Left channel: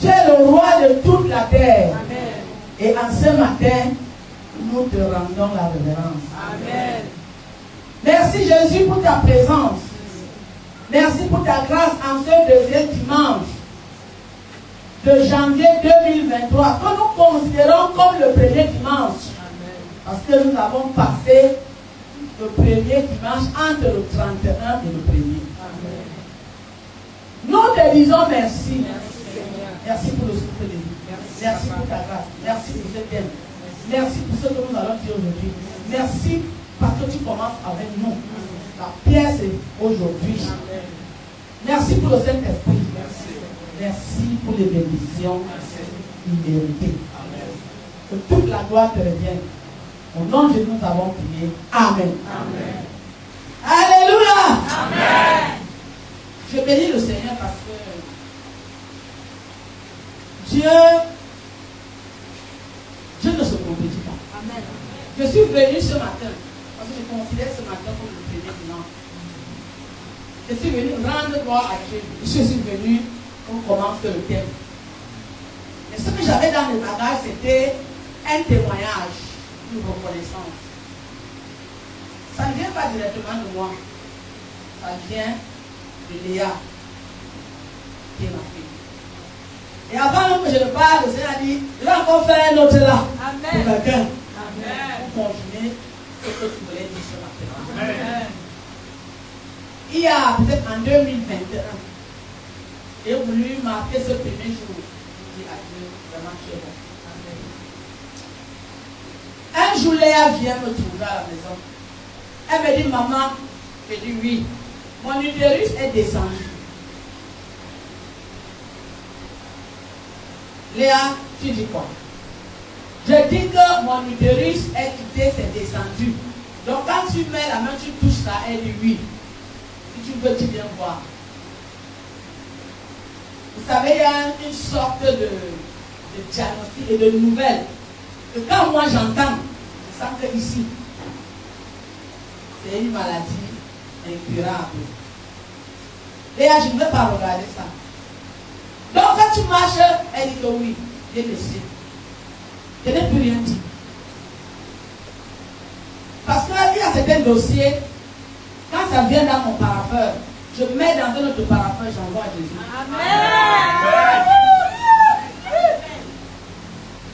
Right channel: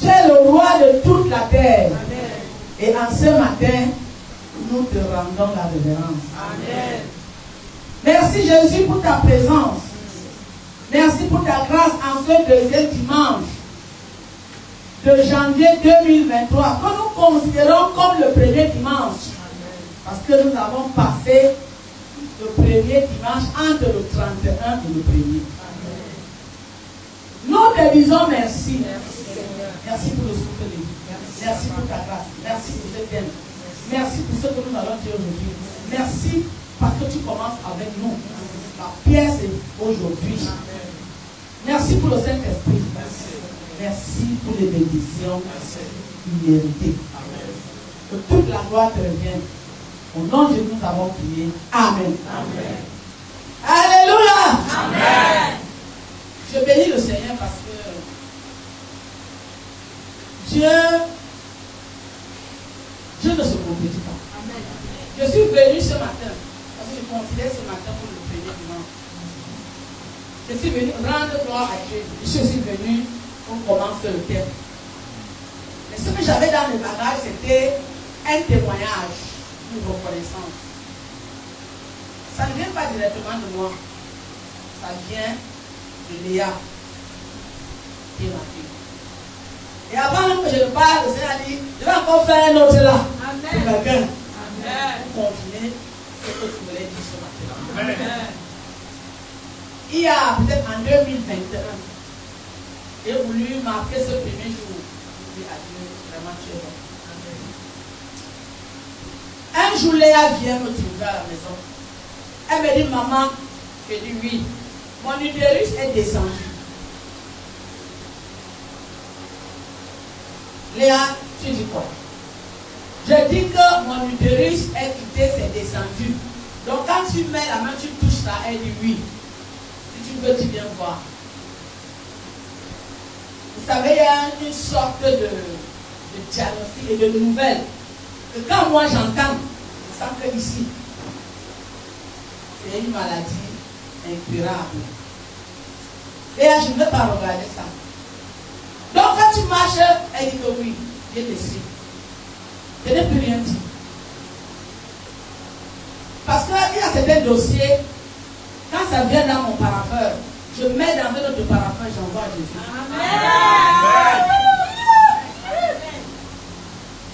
Tu es le roi de toute la terre. Et en ce matin, nous te rendons la révérence. Amen. Merci Jésus pour ta présence. Merci pour ta grâce en ce deuxième dimanche de janvier 2023, que nous considérons comme le premier dimanche. Parce que nous avons passé le premier dimanche entre le 31 et le 1er. Nous te disons merci. Merci pour le souffle de vie. Merci pour ta grâce. Merci pour cet aide. Merci pour ce que nous allons dire aujourd'hui. Merci parce que tu commences avec nous. La pierre, c'est aujourd'hui. Merci pour le Saint-Esprit. Merci pour les bénédictions méritées. Que toute la gloire te revienne. Au nom de Jésus, nous avons prié. Amen. Amen. Alléluia. Amen. Je bénis le Seigneur parce que Dieu ne se contredit pas. Amen. Je suis venu ce matin, parce que je considère ce matin comme le premier dimanche. Je suis venu rendre gloire à Dieu. Je suis venu, on commence le thème. Mais ce que j'avais dans mes bagages, c'était un témoignage, une reconnaissance. Ça ne vient pas directement de moi. Ça vient de Léa, qui est ma fille. Et avant même que je ne parle, le Seigneur a dit, je vais encore faire un autre là. Amen. Pour quelqu'un. Pour confirmer ce que tu voulais dire ce matin-là. Amen. Il y a peut-être en 2021, j'ai voulu marquer ce premier jour. Je dis à Dieu, vraiment tu es bon. Un jour, Léa vient me trouver à la maison. Elle me dit, maman, je dis oui. Mon utérus est descendu. Léa, tu dis quoi? Je dis que mon utérus est quitté, c'est descendu. Donc quand tu mets la main, tu touches ça, elle dit oui. Si tu veux, tu viens voir. Vous savez, il y a une sorte de diagnostic et de nouvelles. Que quand moi j'entends, je sens que ici, c'est une maladie incurable. Léa, je ne veux pas regarder ça. Donc quand tu marches, elle dit que oui, j'ai laissé. Je n'ai plus rien dit. Parce qu'il y a certains dossiers, quand ça vient dans mon parapheur, je mets dans un autre parapheur, j'envoie à Jésus. Amen.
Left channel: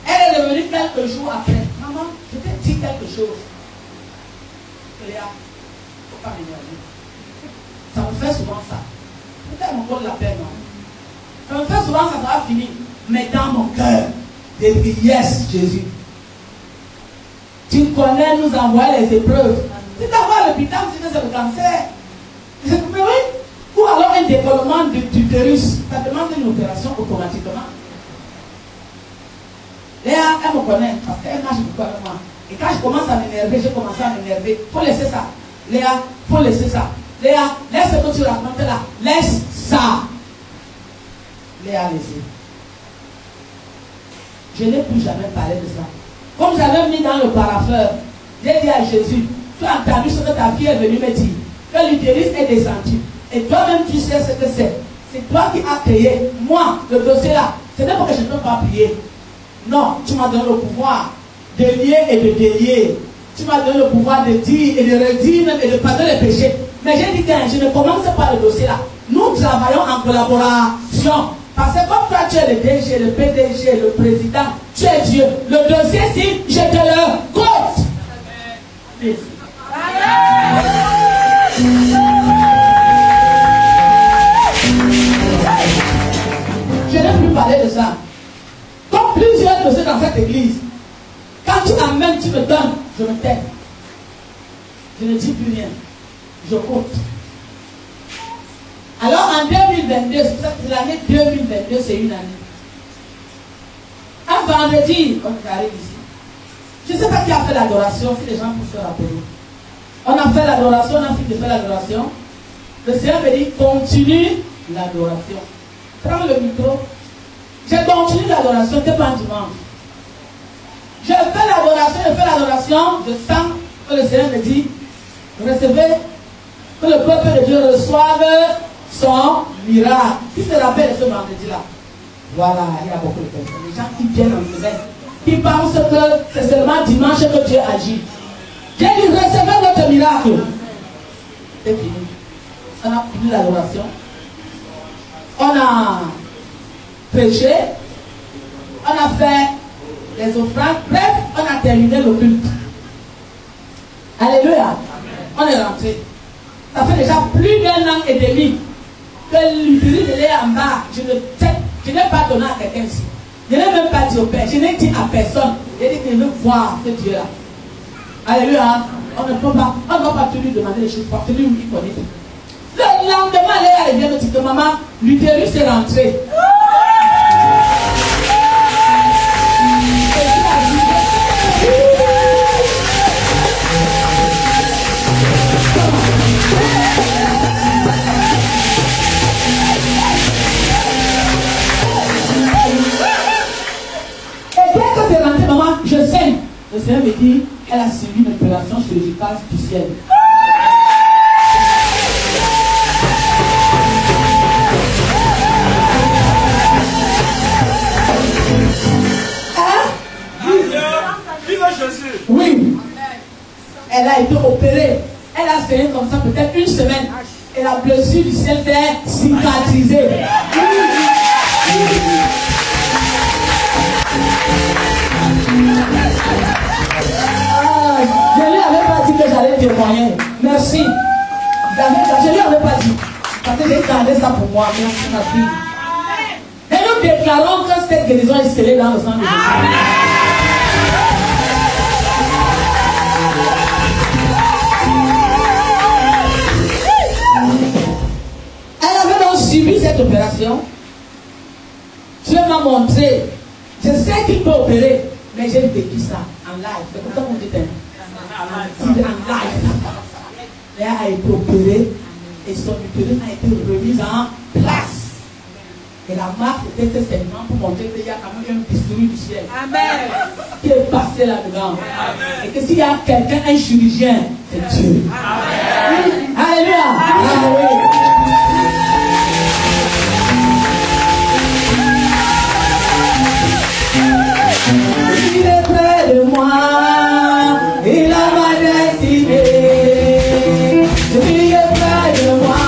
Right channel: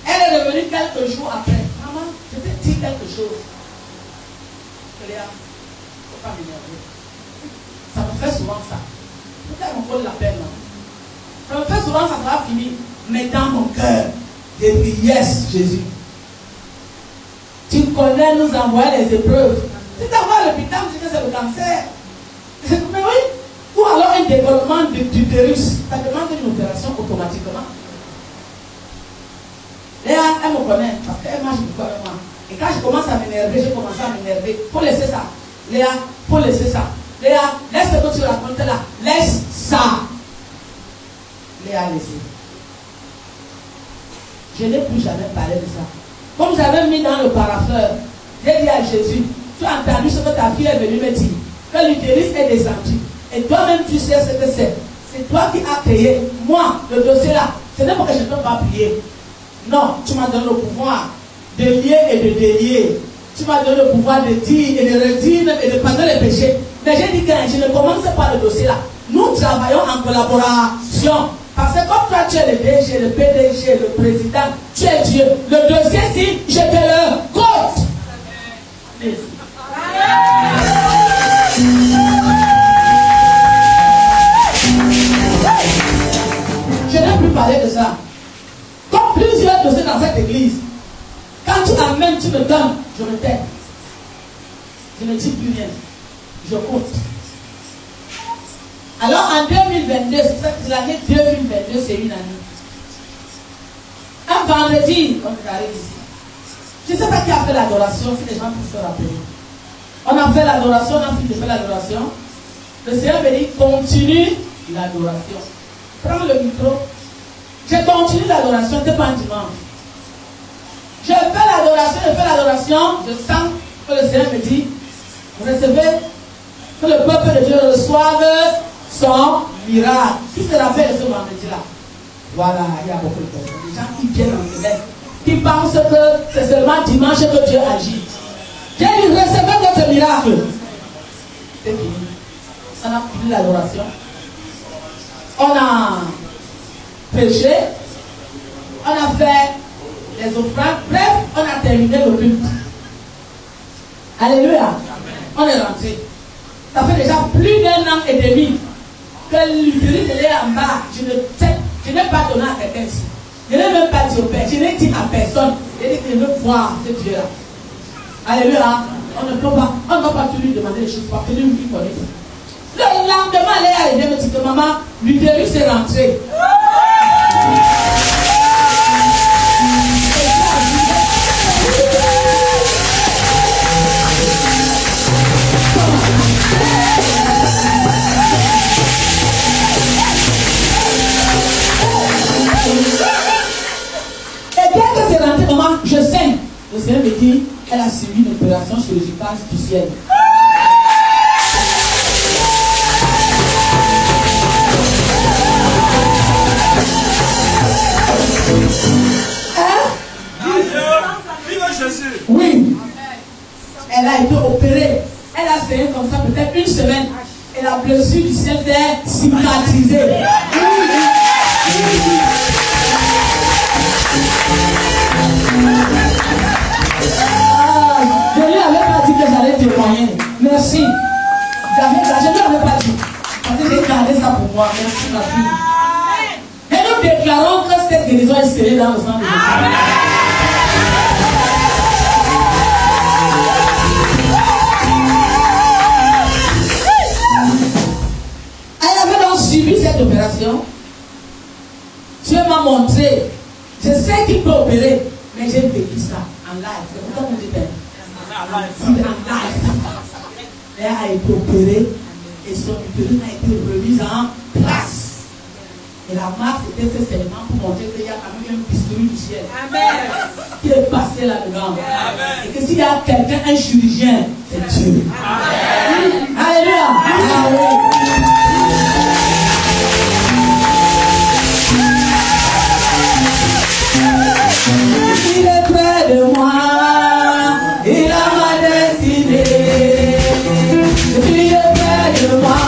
Elle est revenue quelques jours après. Maman, je t'ai dit quelque chose. Léa, il ne faut pas m'énerver. Ça me fait souvent ça. Pourquoi on colle la peine, moi? Ça me fait souvent, ça sera fini. Mais dans mon cœur, j'ai dit yes, Jésus. Tu connais, nous envoyer les épreuves. Si tu envoies l'hôpital, tu dis que c'est le cancer. Mais oui. Ou alors un développement d'utérus. Ça demande une opération automatiquement. Léa, elle me connaît parce qu'elle marche beaucoup avec moi. Et quand je commence à m'énerver, j'ai commencé à m'énerver. Il faut laisser ça. Léa, il faut laisser ça. Léa, laisse ce que tu racontes là. Laisse ça. Léa, laissez. Je n'ai plus jamais parlé de ça. Comme j'avais mis dans le parapheur, j'ai dit à Jésus, tu as entendu ce que ta fille est venue me dire, que l'utérus est descendu. Et toi-même, tu sais ce que c'est. C'est toi qui as créé. Moi, le dossier là, ce n'est pas que je ne peux pas prier. Non, tu m'as donné le pouvoir de lier et de délier. Tu m'as donné le pouvoir de dire et de redire et de pardonner les péchés. Mais j'ai dit que je ne commence pas le dossier là. Nous travaillons en collaboration. Parce que comme toi tu es le DG, le PDG, le président, tu es Dieu. Le dossier, si je te le compte. Je n'ai plus parlé de ça. Comme plusieurs dossiers dans cette église, quand tu amènes, tu me donnes, je me tais. Je ne dis plus rien. Je compte. Alors en 2022, c'est l'année 2022, c'est une année. Un vendredi, on arrive ici. Je ne sais pas qui a fait l'adoration, si les gens peuvent se rappeler. On a fait l'adoration, on a fini de faire l'adoration. Le Seigneur me dit, continue l'adoration. Prends le micro. Je continue l'adoration, ce n'est pas un dimanche. Je fais l'adoration, je sens que le Seigneur me dit, recevez, que le peuple de Dieu reçoive son miracle. Qui se rappelle ce vendredi-là? Voilà, il y a beaucoup de personnes. Les gens qui viennent en semaine, qui pensent que c'est seulement dimanche que Dieu agit. J'ai dit, recevez votre miracle. C'est fini. On a fini l'adoration. On a prêché. On a fait les offrandes. Bref, on a terminé le culte. Alléluia. On est rentré. Ça fait déjà plus d'1 an et demi que l'utilité est en bas. Je n'ai pas donné à quelqu'un ici. Je n'ai même pas dit au Père. Je n'ai dit à personne. J'ai dit que je veux voir ce Dieu-là. Alléluia. On ne peut pas, on ne va pas tout lui demander les choses parce que lui qui connaît. Le lendemain, elle vient me dire que maman, l'utérus est rentré. Et dès que c'est rentré, maman, je saigne. Le Seigneur me dit, elle a suivi une opération chirurgicale du ciel. Oui. Elle a été opérée. Elle a fait comme ça peut-être une semaine. Et la blessure du ciel s'est cicatrisée. Je ne lui avais pas dit que j'allais témoigner. Merci. Je ne lui avais pas dit. Parce que j'ai gardé ça pour moi. Merci ma fille. Et nous déclarons que cette guérison est scellée dans le sang de Jésus. Elle avait donc suivi cette opération. Dieu m'a montré. Je sais qu'il peut opérer, mais j'ai vécu ça en live. C'est pour ça qu'on dit en live. Elle a été opérée et son utérus a été remise en place. Et la marque était ce segment pour montrer qu'il y a quand même un bistouri du ciel. Amen. Qui est passé là-dedans. Et que s'il y a quelqu'un, un chirurgien, c'est Dieu. Amen. Alléluia. Amen. Il est près de moi, il a ma destinée. Il est près de moi,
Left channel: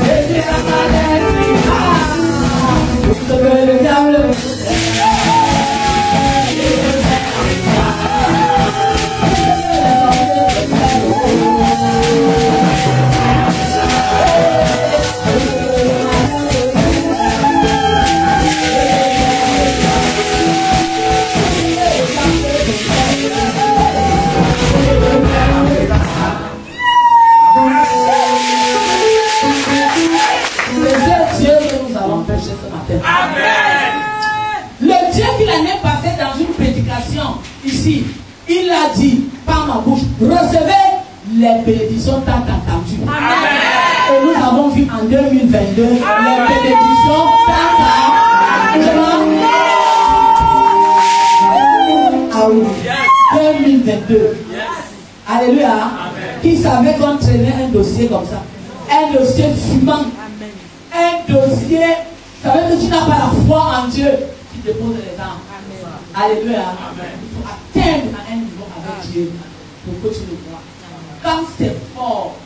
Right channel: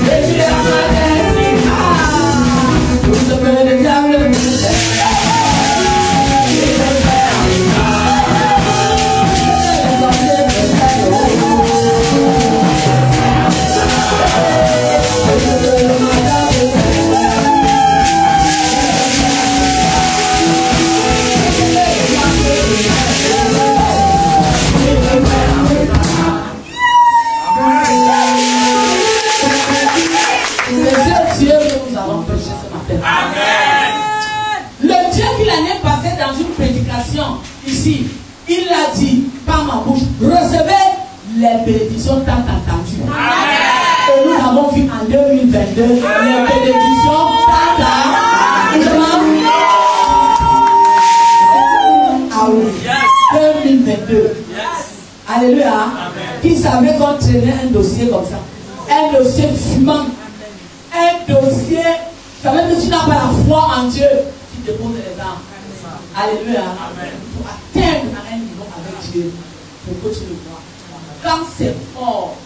et il a ma destinée. Vous savez le diable, le Dieu qui l'année passée dans une prédication ici, il a dit par ma bouche, recevez les bénédictions tant attendues. Et nous avons vu en 2022 les bénédictions tant attendues. Ah oui, 2022. Alléluia. Qui savait qu'on traînait un dossier comme ça? Un dossier fumant. Un dossier. Ça veut dire que tu n'as pas la foi en Dieu. Tu déposes les armes. Alléluia. Il faut atteindre à un niveau avec Dieu pour que tu le vois. Quand c'est fort,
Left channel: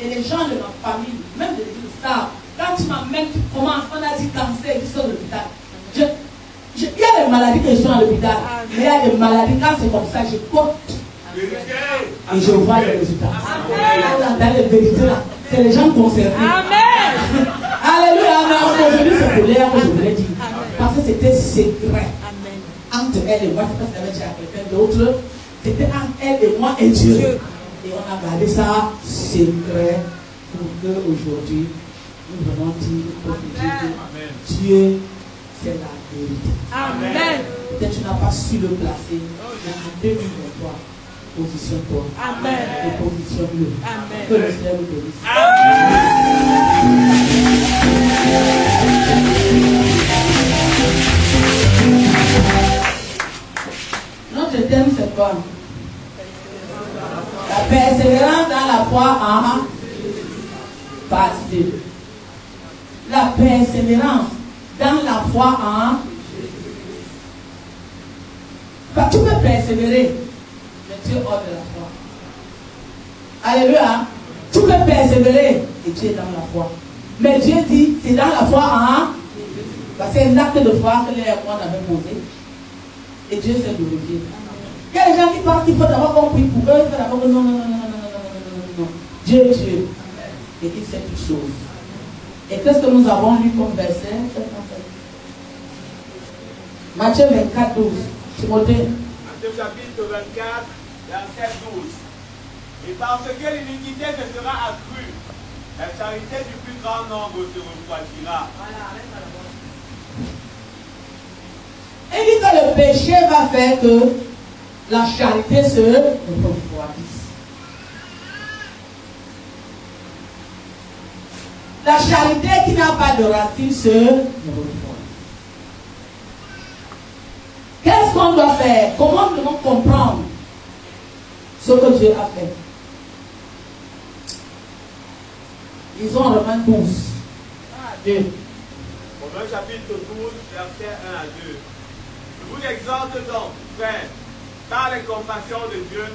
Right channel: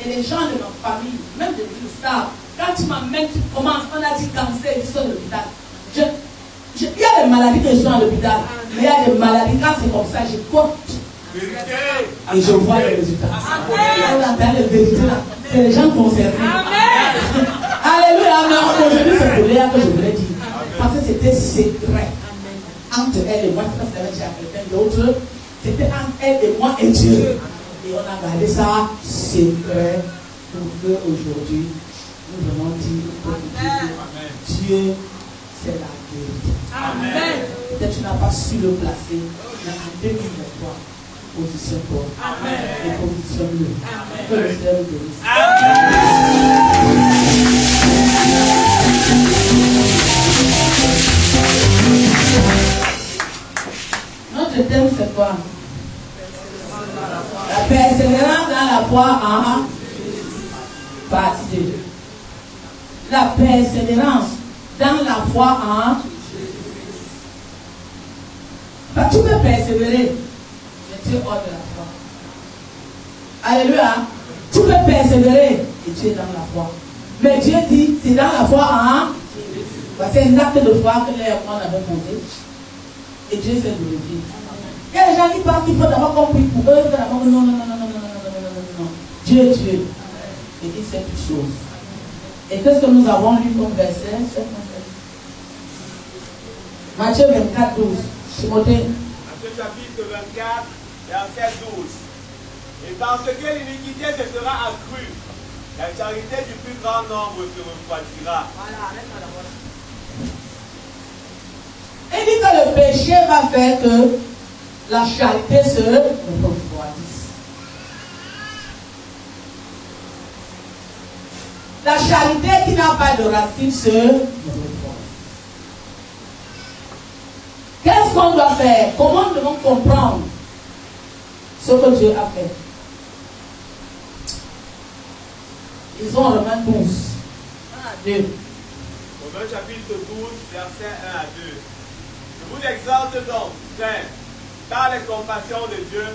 et les gens de ma famille, même de le savent, quand tu m'amènes, tu commences, on a dit cancer, ils sont à l'hôpital. Il y a des maladies qui sont à l'hôpital. Mais il y a des maladies, quand c'est comme ça, je compte. Et je vois les résultats. On entend les vérités là. C'est les gens concernés. Alléluia. Mais aujourd'hui, c'est pour Léa que je voulais dire. Parce que c'était secret. Entre elle et moi, je pense qu'elle avait quelqu'un d'autre. C'était entre elle et moi et Dieu. Et on a gardé ça secret pour qu'aujourd'hui, nous venons dire que Dieu, c'est la vérité. Amen. Peut-être que tu n'as pas su le placer, mais en 2023, positionne-toi. Amen. Et positionne-le. Amen. Que le Seigneur vous bénisse. Notre thème, c'est quoi? La persévérance dans la foi en partie 2. persévérance dans la foi en Jésus. Bah, tu peux persévérer, mais tu es hors de la foi. Alléluia. Tu peux persévérer et tu es dans la foi. Mais Dieu dit, c'est dans la foi en Jésus. Bah, c'est un acte de foi que les rois avaient posé. Et Dieu s'est glorifié. Il y a des gens qui pensent qu'il faut d'abord compris pour eux, non. Dieu est Dieu. Et il sait toutes choses. Et qu'est-ce que nous avons lu comme verset? Matthieu 24, 12. Timothée. Matthieu chapitre 24, verset 12. Et parce que l'iniquité se sera accrue, la charité du plus grand nombre se refroidira. Il dit que le péché va faire que la charité se refroidisse. La charité qui n'a pas de racine se refroidit. Qu'est-ce qu'on doit faire? Comment nous devons comprendre ce que Dieu a fait? Ils ont Romains 12. 1 à 2. Romains chapitre 12, verset 1 à 2. Je vous exhorte donc, frères, par les compassions de Dieu,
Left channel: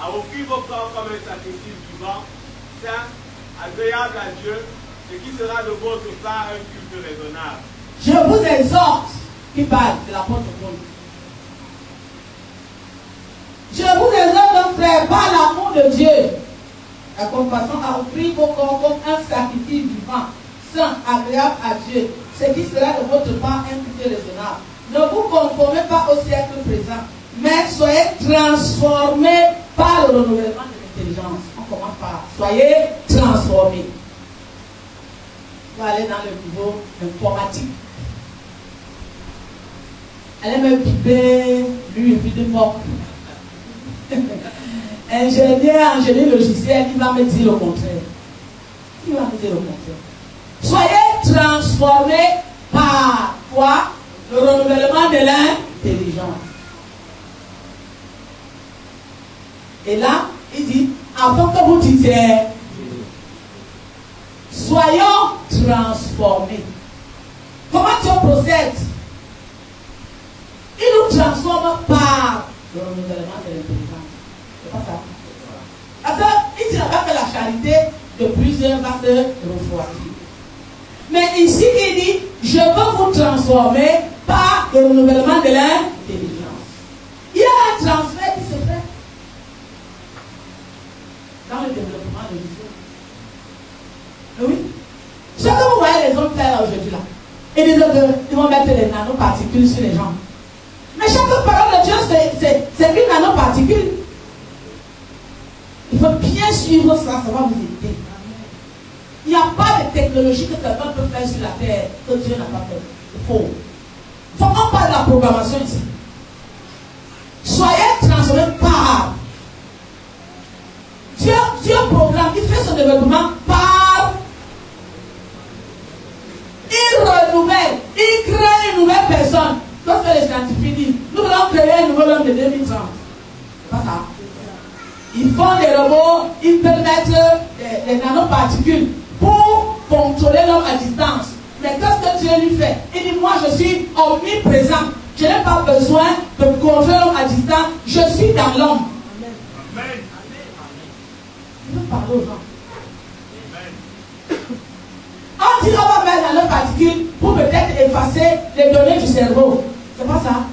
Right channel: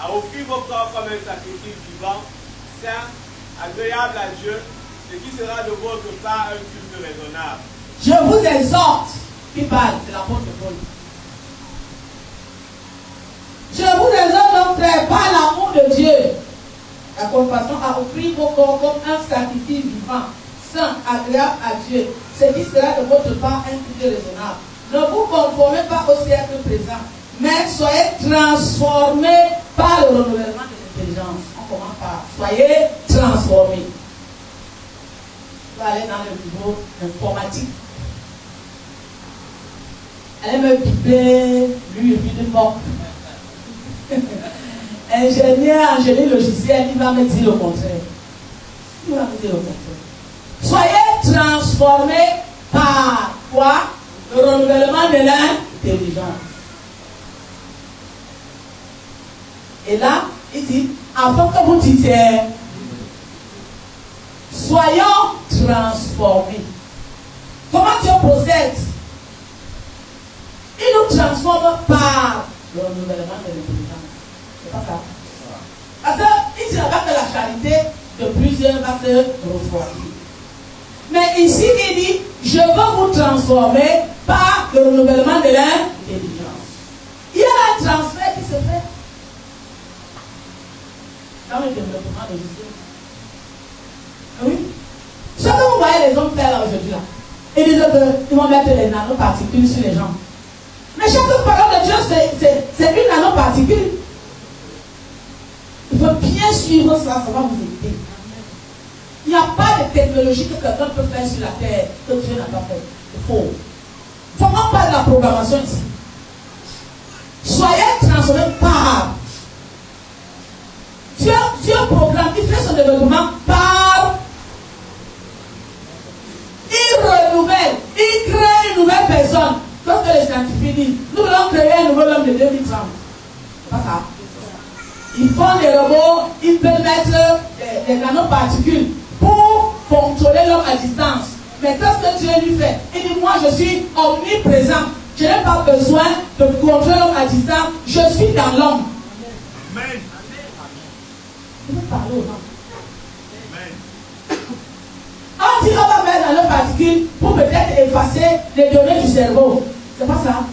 à offrir vos corps comme un sacrifice vivant, saint, agréable à Dieu, ce qui sera de votre part un culte raisonnable. Je vous exhorte, qui parle de l'apôtre Paul. Je vous exhorte donc, frères, par l'amour de Dieu, la compassion, à offrir vos corps comme un sacrifice vivant, saint, agréable à Dieu, ce qui sera de votre part un culte raisonnable. Ne vous conformez pas au siècle présent, mais soyez transformés par le renouvellement de l'intelligence. On commence par soyez transformés. On va aller dans le niveau informatique. Elle aime piper, lui, il dit mort. Ingénieur, génie logiciel, il va me dire le contraire. Il va me dire le contraire. Soyez transformés par quoi? Le renouvellement de l'intelligence. Et là, il dit, avant que vous disiez, soyons transformés. Comment Dieu procède? Il nous transforme par le renouvellement de l'intelligence. C'est pas ça. Parce qu'il ne dira pas que la charité de plusieurs va se refroidir. Mais ici, il dit, je veux vous transformer par le renouvellement de l'intelligence. Il y a un transfert qui se fait dans le développement de l'idée. Oui. Ce que vous voyez les hommes faire aujourd'hui là, ils disent qu'ils vont mettre les nanoparticules sur les gens. Mais chaque parole de Dieu, c'est une nanoparticule. Il faut bien suivre ça, ça va vous aider. Il n'y a pas de technologie que quelqu'un peut faire sur la terre que Dieu n'a pas fait. Il faut. Il faut qu'on parle de la programmation ici. Soyez transformés par Dieu programme, il fait son développement par. Il renouvelle, il crée une nouvelle personne. Comme que les scientifiques disent, nous voulons créer un nouvel homme de 2030. C'est pas ça. Ils font des robots, ils peuvent mettre des nanoparticules pour contrôler l'homme à distance. Mais qu'est-ce que Dieu lui fait? Il dit, moi je suis omniprésent. Je n'ai pas besoin de contrôler l'homme à distance. Je suis dans l'homme. Amen. Je veux parler aux gens. On dit on va mettre dans nos particules pour peut-être effacer les données du cerveau. C'est pas ça.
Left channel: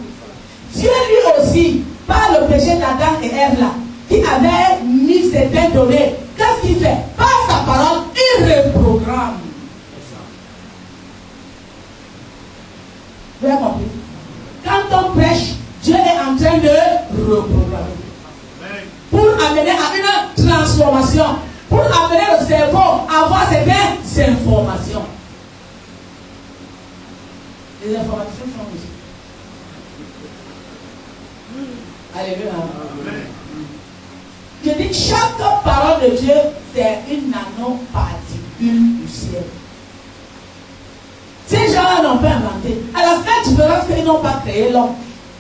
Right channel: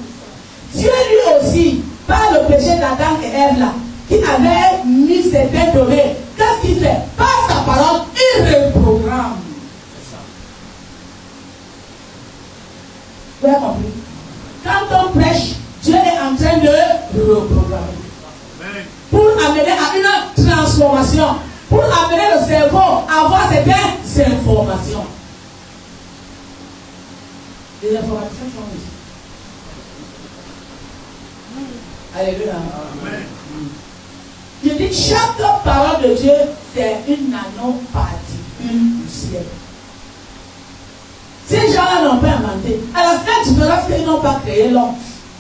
Dieu lui aussi, par le péché d'Adam et Ève là, qui avait mis certaines données, qu'est-ce qu'il fait? Par sa parole, il reprogramme. Vous avez compris? Quand on prêche, Dieu est en train de reprogrammer. Pour amener à une transformation. Pour amener le cerveau à avoir certaines informations. Les informations sont ici. Alléluia. Amen. Je dis, chaque parole de Dieu, c'est une nanoparticule du ciel. Ces gens-là n'ont pas inventé. À la seule différence qu'ils n'ont pas créé l'homme.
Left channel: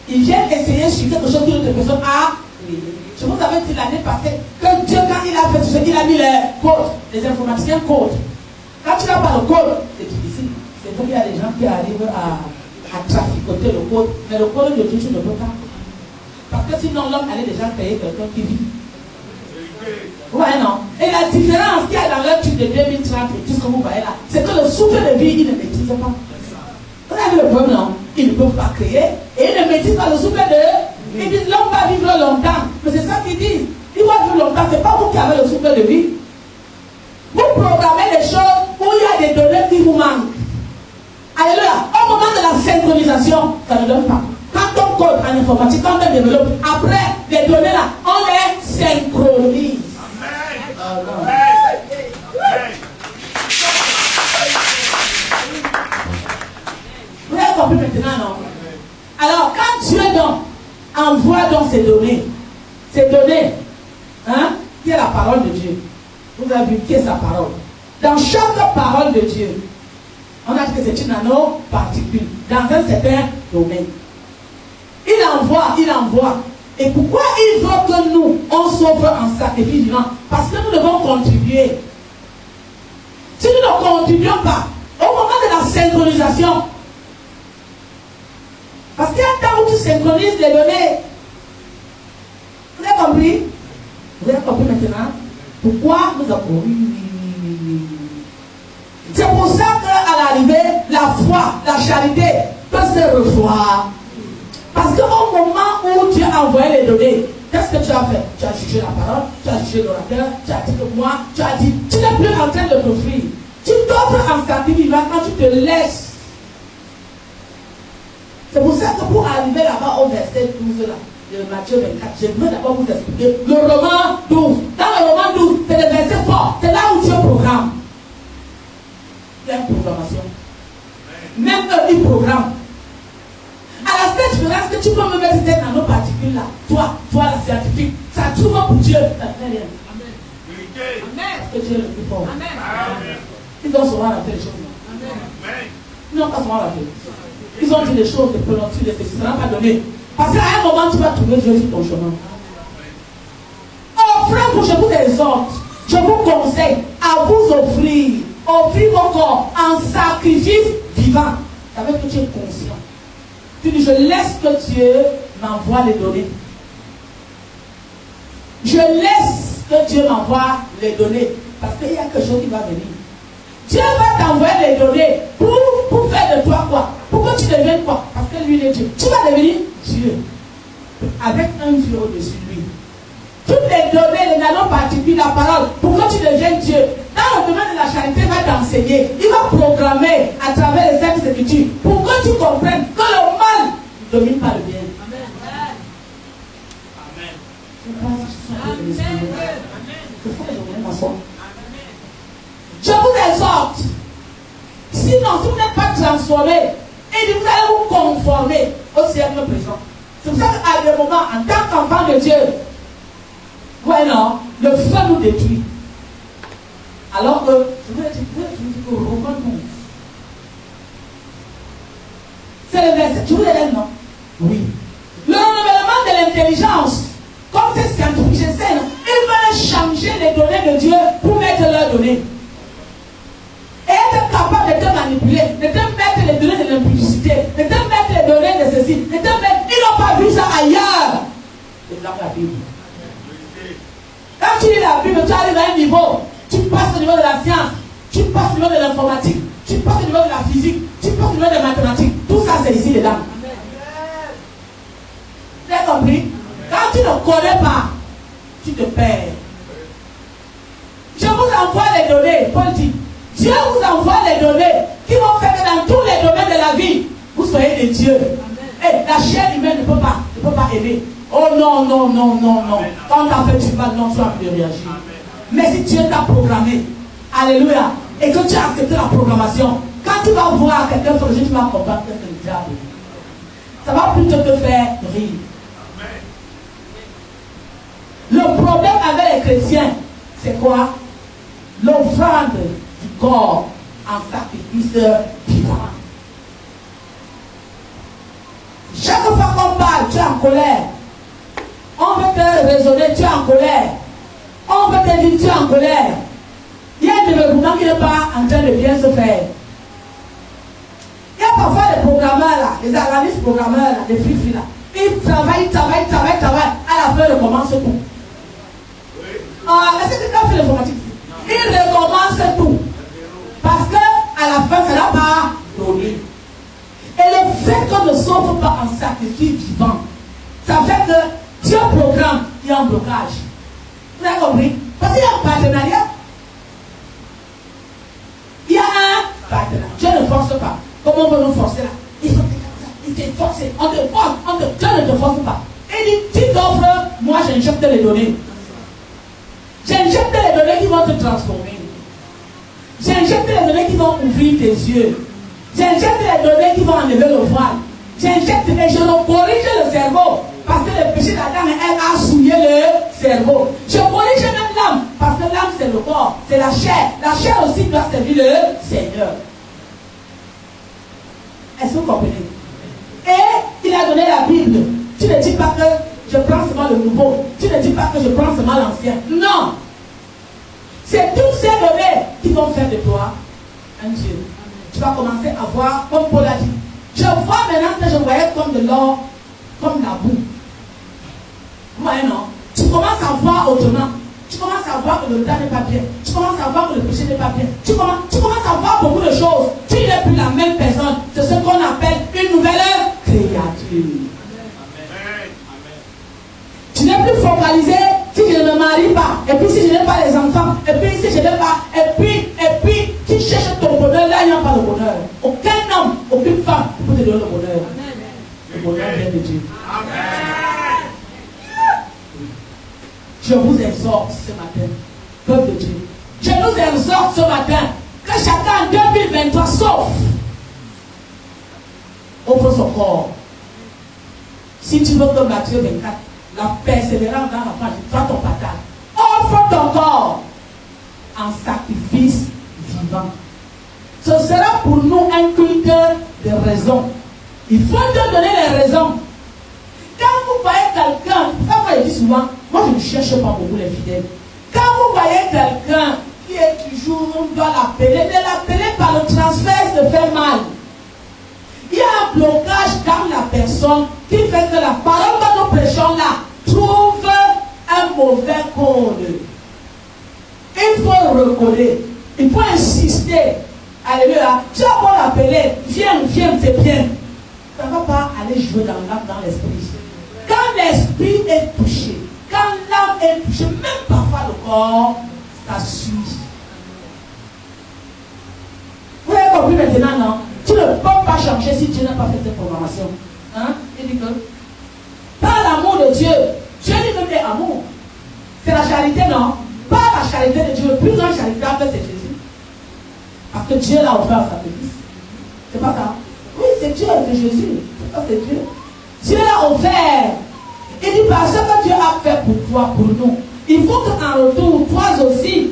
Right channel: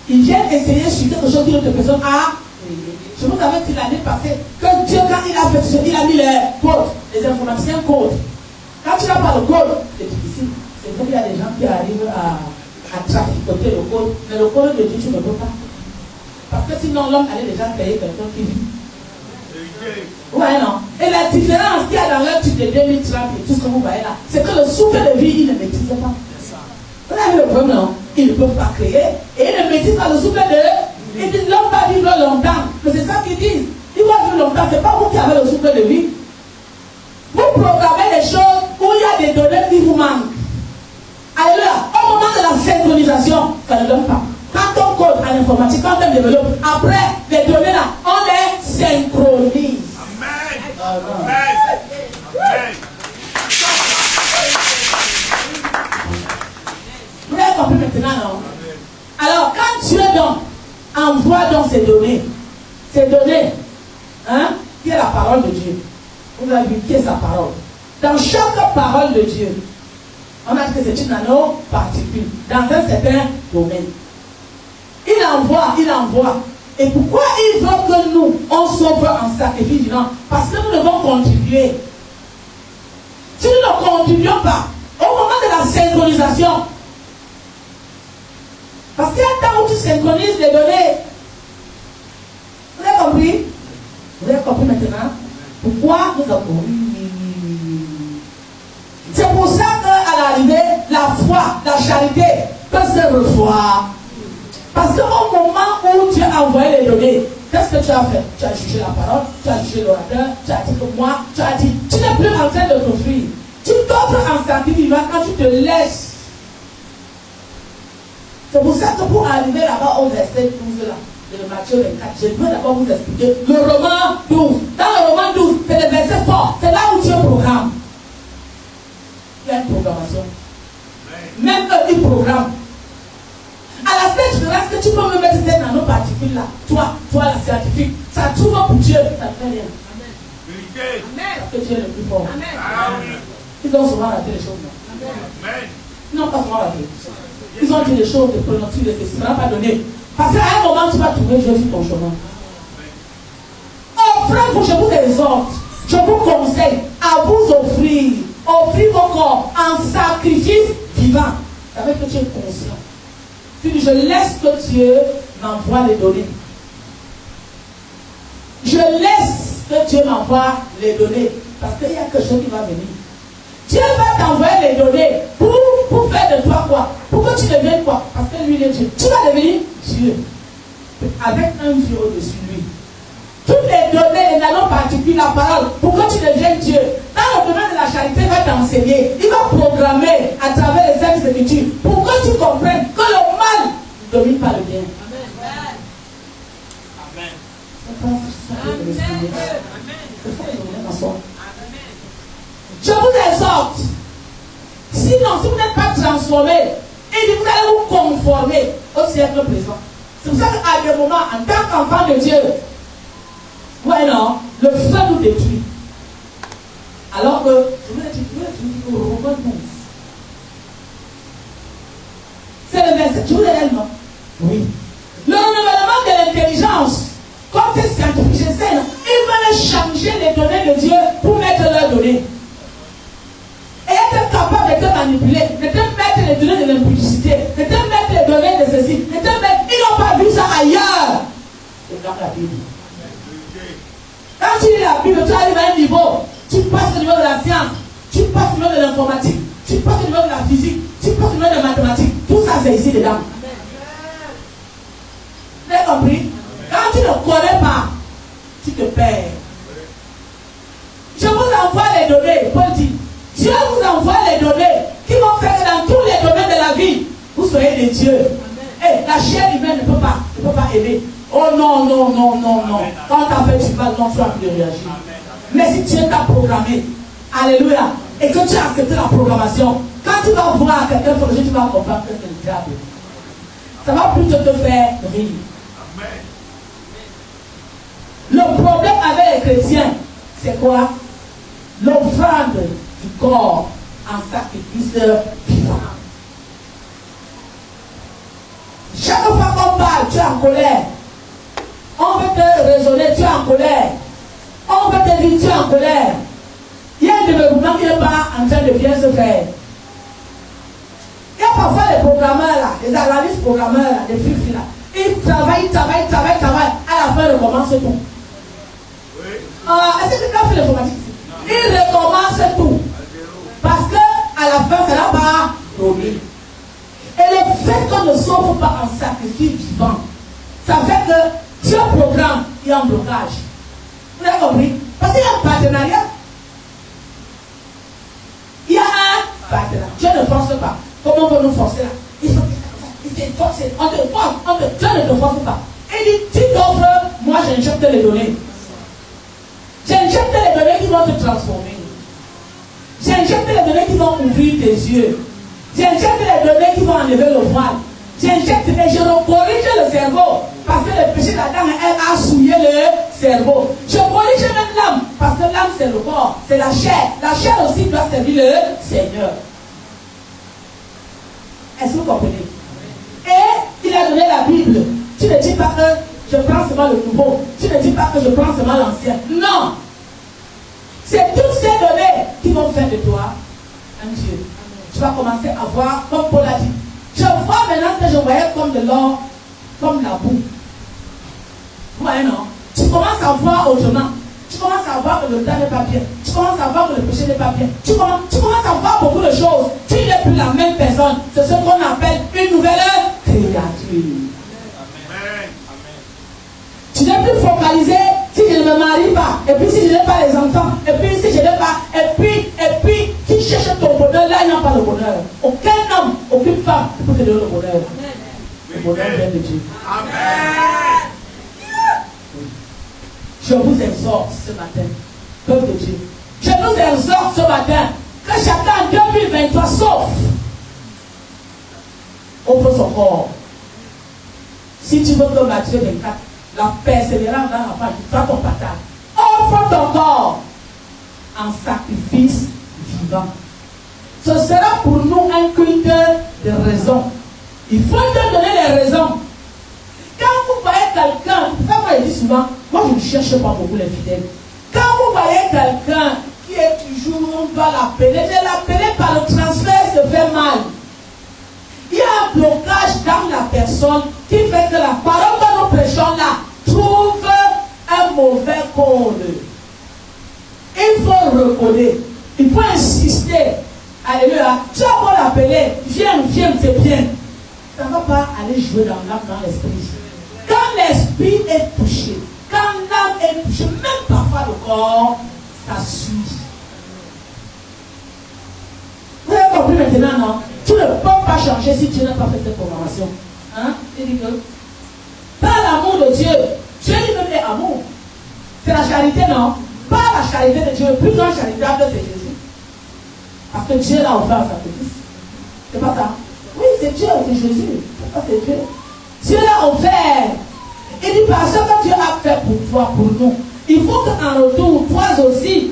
Ils viennent essayer sur quelque chose qu'une autre personne a créé. Je vous avais dit l'année passée que Dieu, quand il a fait ce il a mis les codes, les informaticiens codent. Quand tu n'as pas le code, c'est difficile. C'est comme il y a des gens qui arrivent à traficoter le code, mais le code de Dieu, tu ne peux pas. Parce que sinon, l'homme allait déjà payer quelqu'un qui vit. Ouais, non. Et la différence qu'il y a dans leur truc de 2030 et tout ce que vous voyez là, c'est que le souffle de vie, il ne maîtrise pas. Vous avez le problème, non? Ils ne peuvent pas créer et ils ne maîtrisent pas le souffle de. Ils disent l'homme va vivre longtemps. Mais c'est ça qu'ils disent. Il va vivre longtemps. Ce n'est pas vous qui avez le souffle de vie. Vous programmez des choses où il y a des données qui vous manquent. Alléluia. Au moment de la synchronisation, ça ne donne pas. Quand on code en informatique, quand on développe, après les données là, on les synchronise. Amen. Amen. Vous avez compris maintenant, non? Alors, quand Dieu donc envoie donc ces données, hein, qui est la parole de Dieu. Vous avez vu qui est sa parole. Dans chaque parole de Dieu, on a dit que c'est une nano-particule dans un certain domaine. Il envoie. Et pourquoi il veut que nous, on s'offre en sacrifice vivant? Parce que nous devons contribuer. Si nous ne contribuons pas, au moment de la synchronisation, parce qu'il y a un temps où tu synchronises les données. Vous avez compris? Vous avez compris maintenant? Pourquoi nous avons... C'est pour ça qu'à l'arrivée, la foi, la charité peut se revoir. Parce qu'au moment où tu as envoyé les données, qu'est-ce que tu as fait? Tu as jugé la parole, tu as jugé l'orateur, tu as dit que moi, tu as dit, tu n'es plus en train de construire. Tu t'offres en sacrifice vivant quand tu te laisses. C'est pour ça que pour arriver là-bas au verset 12 là, de Matthieu 24, je veux d'abord vous expliquer le roman 12. Dans le roman 12, c'est le verset fort. C'est là où Dieu programme. Il y a une programmation. Même eux, ils programment. À la seule différence que tu peux me mettre cette nanoparticule là, toi la scientifique, ça trouve pour Dieu, ça ne fait rien. Amen. Parce que Dieu est le plus fort. Amen. Ils ont souvent raté les choses. Amen. Ils n'ont pas souvent raté. Ils ont dit des choses, des prononcés, des faits, ce ne sera pas donné. Parce qu'à un moment, tu vas trouver Dieu sur ton chemin. Oh frère, je vous exhorte, je vous conseille à vous offrir vos corps en sacrifice vivant. Ça veut dire que tu es conscient. Tu dis, je laisse que Dieu m'envoie les données. Je laisse que Dieu m'envoie les données. Parce qu'il y a quelque chose qui va venir. Dieu va t'envoyer les données pour faire de toi quoi? Pour que tu deviennes quoi? Parce que lui, il est Dieu. Tu vas devenir Dieu. Avec un Dieu au-dessus de lui. Toutes les données, les nanoparticules, la parole, pour que tu deviennes Dieu. Dans le domaine de la charité, il va t'enseigner. Il va programmer à travers les Saintes Écritures pour que tu comprennes que le mal ne domine pas le bien. Amen. Je vous exhorte. Sinon, si vous n'êtes pas transformé, et vous allez vous conformer au siècle présent. C'est pour ça qu'à des moments, en tant qu'enfant de Dieu, ouais, non, le feu nous détruit. Alors que, je voulais dire que Romain 12. C'est le verset, tu vous l'avez, non? Oui. Le renouvellement de l'intelligence, comme c'est scientifique, je sais, ils veulent changer les données de Dieu pour mettre leurs données. Et être capable de te manipuler, de te mettre les données de l'impudicité, de te mettre les données de ceci, de te mettre. Ils n'ont pas vu ça ailleurs. C'est dans la Bible. Quand tu lis la Bible, tu arrives à un niveau, tu passes au niveau de la science, tu passes au niveau de l'informatique, tu passes au niveau de la physique, tu passes au niveau des mathématiques. Tout ça, c'est ici dedans. Vous avez compris? Quand tu ne connais pas, tu te perds. Je vous envoie les données, Paul dit. Dieu vous envoie les données qui vont faire que dans tous les domaines de la vie, vous soyez des dieux. Et la chair humaine ne peut pas aimer. Oh non. Quand on t'a fait du mal, non, tu as plus de réagir. Mais si Dieu t'a programmé, alléluia, et que tu as accepté la programmation, quand tu vas voir quelqu'un sur le jeu, tu vas comprendre que c'est le diable. Ça va plutôt te faire rire. Le problème avec les chrétiens, c'est quoi? L'offrande du corps en sacrifice vivant. Chaque fois qu'on parle, tu es en colère. On veut te raisonner, tu es en colère. On veut te dire, tu es en colère. Il y a un développement qui n'est pas en train de bien se faire. parfois les programmeurs là, les analystes programmeurs là, les free là, ils travaillent. À la fin, ils recommencent tout. Est-ce que quelqu'un fait l'informatique? Ils recommencent tout. Parce qu'à la fin, ça n'a pas donné. Et le fait qu'on ne s'offre pas en sacrifice vivant, ça fait que Dieu programme, il y a un blocage. Vous avez compris? Parce qu'il y a un partenariat. Il y a un partenariat. Dieu ne force pas. Comment on veut nous forcer là? Il faut te forcer. On te force. Dieu ne te force pas. Il dit, tu t'offres, moi j'injecte les données. J'injecte les données qui vont te transformer. J'injecte les données qui vont ouvrir tes yeux. J'injecte les données qui vont enlever le voile. J'injecte et je corrige le cerveau. Parce que le péché d'Adam, elle a souillé le cerveau. Je corrige même l'âme. Parce que l'âme, c'est le corps. C'est la chair. La chair aussi doit servir le Seigneur. Est-ce que vous comprenez? Et il a donné la Bible. Tu ne dis pas que je prends seulement le nouveau. Tu ne dis pas que je prends seulement l'ancien. Non. C'est toutes ces données qui vont faire de toi un Dieu. Tu vas commencer à voir, comme Paul a dit. Je vois maintenant que je voyais comme de l'or, comme la boue. Vous voyez, non? Tu commences à voir autrement. Tu commences à voir que le temps n'est pas bien. Tu commences à voir que le péché n'est pas bien. Tu commences à voir beaucoup de choses. Tu n'es plus la même personne. C'est ce qu'on appelle une nouvelle créature. Tu n'es plus focalisé si je ne me marie pas. Et puis si je n'ai pas les enfants. Et puis si je n'ai pas. Et puis tu cherches ton bonheur. Là, il n'y a pas de bonheur. Aucun homme, aucune femme ne peut te donner le bonheur. Le bonheur vient de Dieu. Amen. Je vous exhorte ce matin, peuple de Dieu. Je nous exhorte ce matin que chacun en 2023 sauf offre son corps. Si tu veux que Matthieu 24, la persévérance dans la foi, fais ton partage. Offre ton corps en sacrifice vivant. Ce sera pour nous un culte de raison. Il faut te donner les raisons. Quand vous voyez quelqu'un, ça moi je dis souvent, moi je ne cherche pas beaucoup les fidèles. Quand vous voyez quelqu'un qui est toujours, on doit l'appeler, mais l'appeler par le transfert se fait mal. Il y a un blocage dans la personne qui fait que la parole que nous prêchons là trouve un mauvais code. Il faut recoder, il faut insister. Alléluia. Tu vas pas l'appeler, viens, c'est bien. Ça ne va pas aller jouer dans l'âme, dans l'esprit. Quand l'esprit est touché, quand l'âme est touchée, même parfois le corps, ça suit. Vous avez compris maintenant, non? Tu ne peux pas changer si tu n'as pas fait cette programmation. Hein? Il dit que par l'amour de Dieu, Dieu dit même est amour. C'est la charité, non? Par la charité de Dieu, le plus grand charitable, c'est Jésus. Parce que Dieu l'a offert à sacrifice. C'est pas ça? Oui, c'est Dieu, c'est Jésus. C'est Dieu. Dieu l'a offert. Il dit parce que Dieu a fait pour toi, pour nous. Il faut qu'en retour, toi aussi,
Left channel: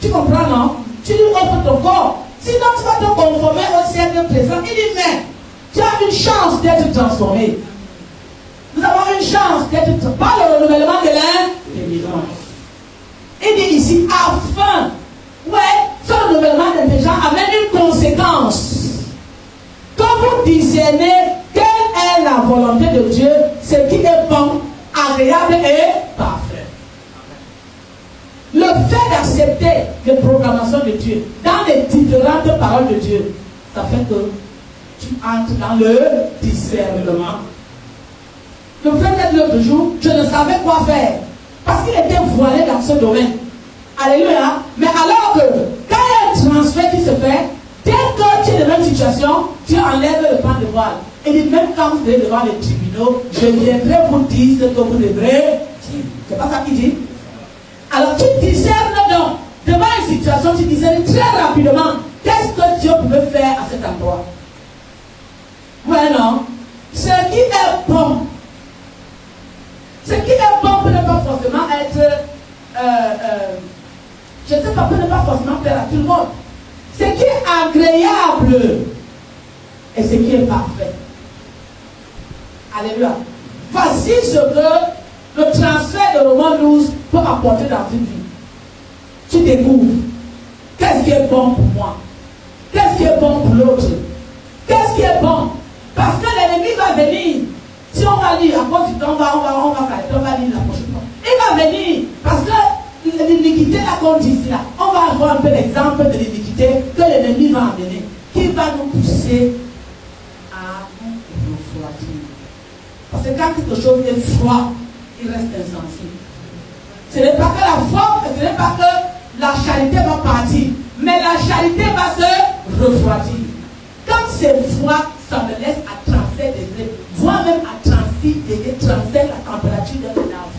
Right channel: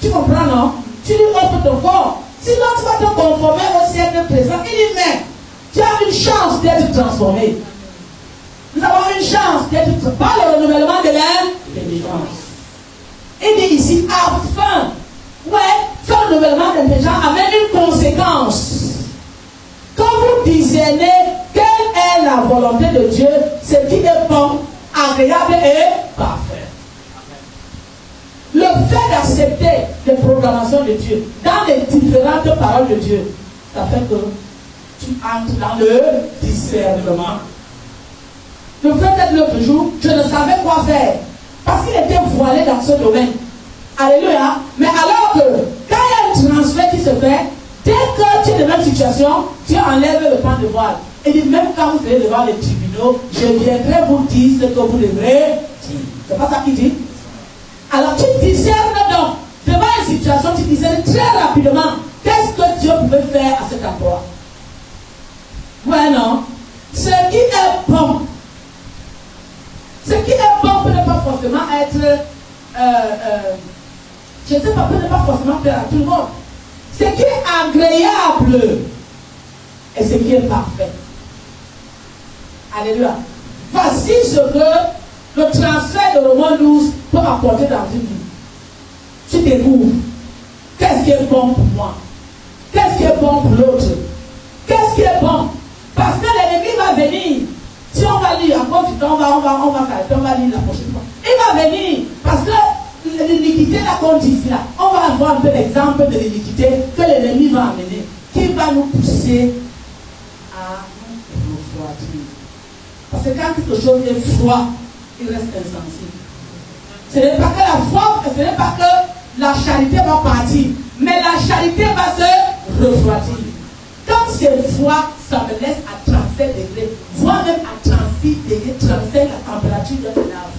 tu comprends, non? Tu lui offres ton corps. Sinon, tu vas te conformer au siècle présent. Il dit, mais tu as une chance d'être transformé. Nous avons une chance d'être transformé par le renouvellement de l'intelligence. Il dit ici, afin, ce renouvellement d'intelligence amène une conséquence. Quand vous discernez quelle est la volonté de Dieu, ce qui est bon, agréable et parfait. Le fait d'accepter les programmations de Dieu dans les différentes paroles de Dieu, ça fait que tu entres dans le discernement. Le frère d'être l'autre jour, je ne savais quoi faire parce qu'il était voilé dans ce domaine. Alléluia. Mais alors que quand il y a un transfert qui se fait, dès que tu es dans la même situation, tu enlèves le pan de voile. Et dit, même quand vous serez devant les tribunaux, je viendrai vous dire ce que vous devrez dire. C'est pas ça qu'il dit? Alors tu discernes donc, devant une situation, tu discernes très rapidement qu'est-ce que Dieu pouvait faire à cet endroit. Ouais, non? Ce qui est bon. Ce qui est bon peut ne pas forcément être, je ne sais pas, peut ne pas forcément plaire à tout le monde. Ce qui est agréable et ce qui est parfait. Alléluia. Voici ce que le transfert de Romains 12 peut apporter dans une vie. Tu découvres qu'est-ce qui est bon pour moi, qu'est-ce qui est bon pour l'autre, qu'est-ce qui est bon. Parce que l'ennemi va venir. Si on va lire, en cause du temps, on va s'arrêter, on va lire la prochaine fois. Il va venir. Parce que l'iniquité, là, qu'on dit ici, là, on va avoir un peu l'exemple de l'iniquité que l'ennemi va amener. Qui va nous pousser à refroidir. Parce que quand quelque chose est froid, il reste insensible. Ce n'est pas que la foi, ce n'est pas que la charité va partir, mais la charité va se refroidir. Quand c'est froid, ça me laisse à 37 degrés, voire même à 36 degrés, 35 la température de l'arbre.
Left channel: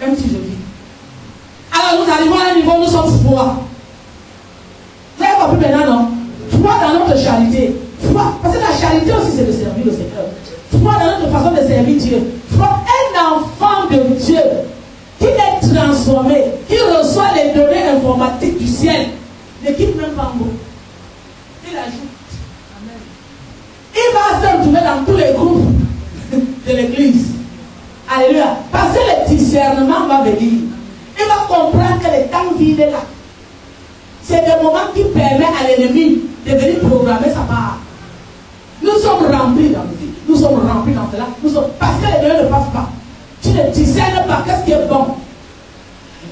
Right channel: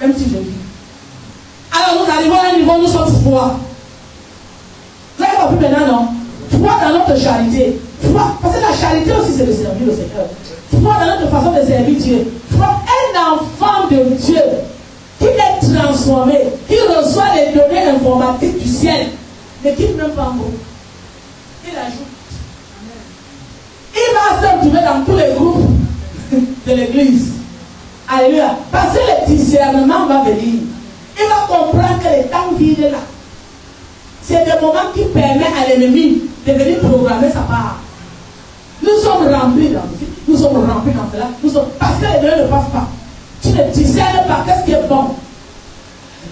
Même si je vis. Alors nous arrivons à un niveau où nous sommes froids. Vous avez compris maintenant, non? Froid dans notre charité. Froid, parce que la charité aussi c'est de servir le Seigneur. Froid dans notre façon de servir Dieu. Froid, un enfant de Dieu qui est transformé, qui reçoit les données informatiques du ciel, ne quitte même pas un mot. Il ajoute. Il va se retrouver dans tous les groupes de l'église. Alléluia. Parce que le discernement va venir. Il va comprendre que les temps vides là, c'est des moments qui permettent à l'ennemi de venir programmer sa part. Nous sommes remplis dans ceci, nous sommes remplis dans cela, parce que les données ne passent pas. Tu ne discernes pas qu'est-ce qui est bon.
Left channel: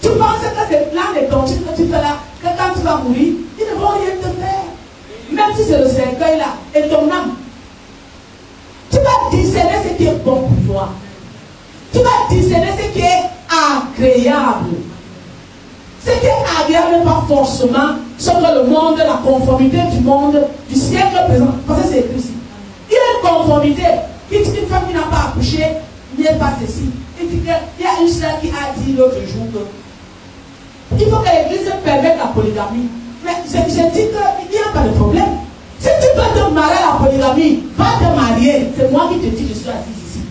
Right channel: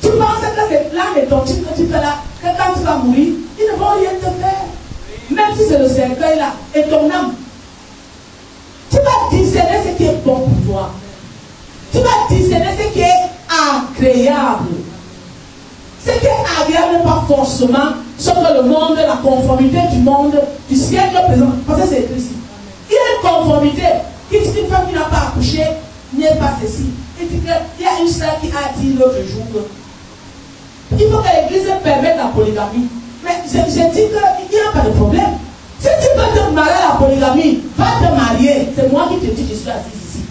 Tu penses que c'est plein de doctrines que tu fais là, que quand tu vas mourir, ils ne vont rien te faire. Même si c'est le cercueil là, et ton âme. Tu vas discerner ce qui est bon pour toi. Tu vas discerner ce qui est agréable. Ce qui est agréable n'est pas forcément selon le monde, la conformité du monde, du siècle présent. Parce que c'est écrit ici. Il y a une conformité. Qui dit qu'une femme qui n'a pas accouché n'est pas ceci. Il dit qu'il y a une sœur qui a dit l'autre jour il faut que l'église permette la polygamie. Mais je dis qu'il n'y a pas de problème. Si tu veux te marier à la polygamie, va te marier. C'est moi qui te dis, je suis assise ici.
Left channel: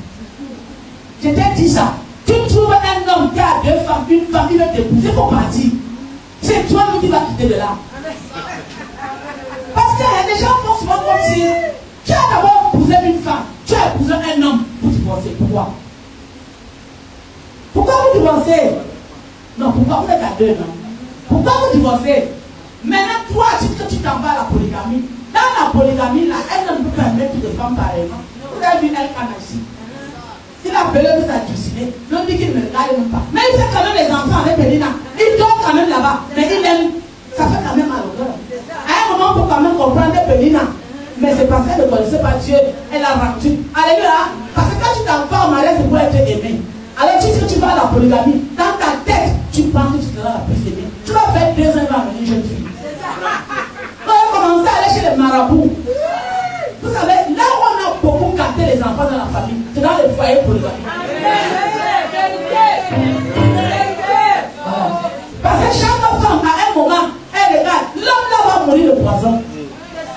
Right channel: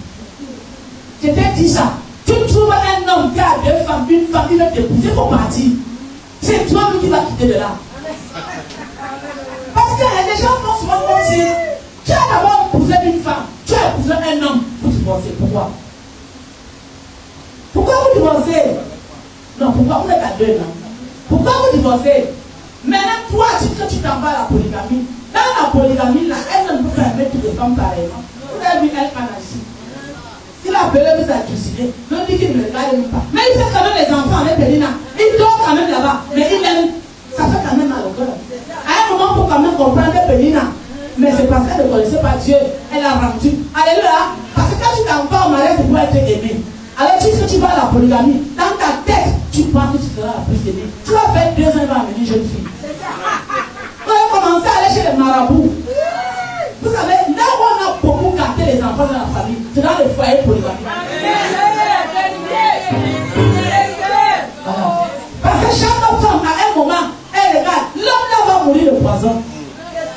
Je t'ai dit ça. Tu trouves un homme qui a deux femmes, une femme, il veut t'épouser, il faut partir. C'est toi qui vas quitter de là. Parce que les gens font souvent comme si tu as d'abord épousé une femme, tu as épousé un homme, vous divorcez. Pourquoi? Pourquoi vous divorcez? Non, pourquoi vous êtes à deux, non? Pourquoi vous divorcez? Maintenant, toi, tu t'en vas à la polygamie. Dans la polygamie, là, elle ne peut pas mettre toutes les femmes pareillement. Vous avez vu elle en Asie. Il a appelé vous à suicider. Non, dit qu'il ne regarde même pas. Mais il fait quand même les enfants, les Pélina. Il dort quand même là-bas. Mais il aime. Ça fait quand même mal au cœur. À un moment, pour quand même comprendre les Pélina. Mais c'est parce qu'elle ne connaissait pas Dieu. Elle a rendu. Alléluia. Parce que quand tu t'en vas au mariage, c'est pour être aimé. Alors tu sais, tu vas à la polygamie. Dans ta tête, tu penses que tu seras la plus aimée. Tu vas faire 2 ans, il va venir jeune fille. On a commencé à aller chez les marabouts. Vous savez, là où on a beaucoup gâté les enfants dans la famille, c'est dans les foyers polygamiques. Parce que chaque femme, à un moment, elle regarde, l'homme là va mourir de poison.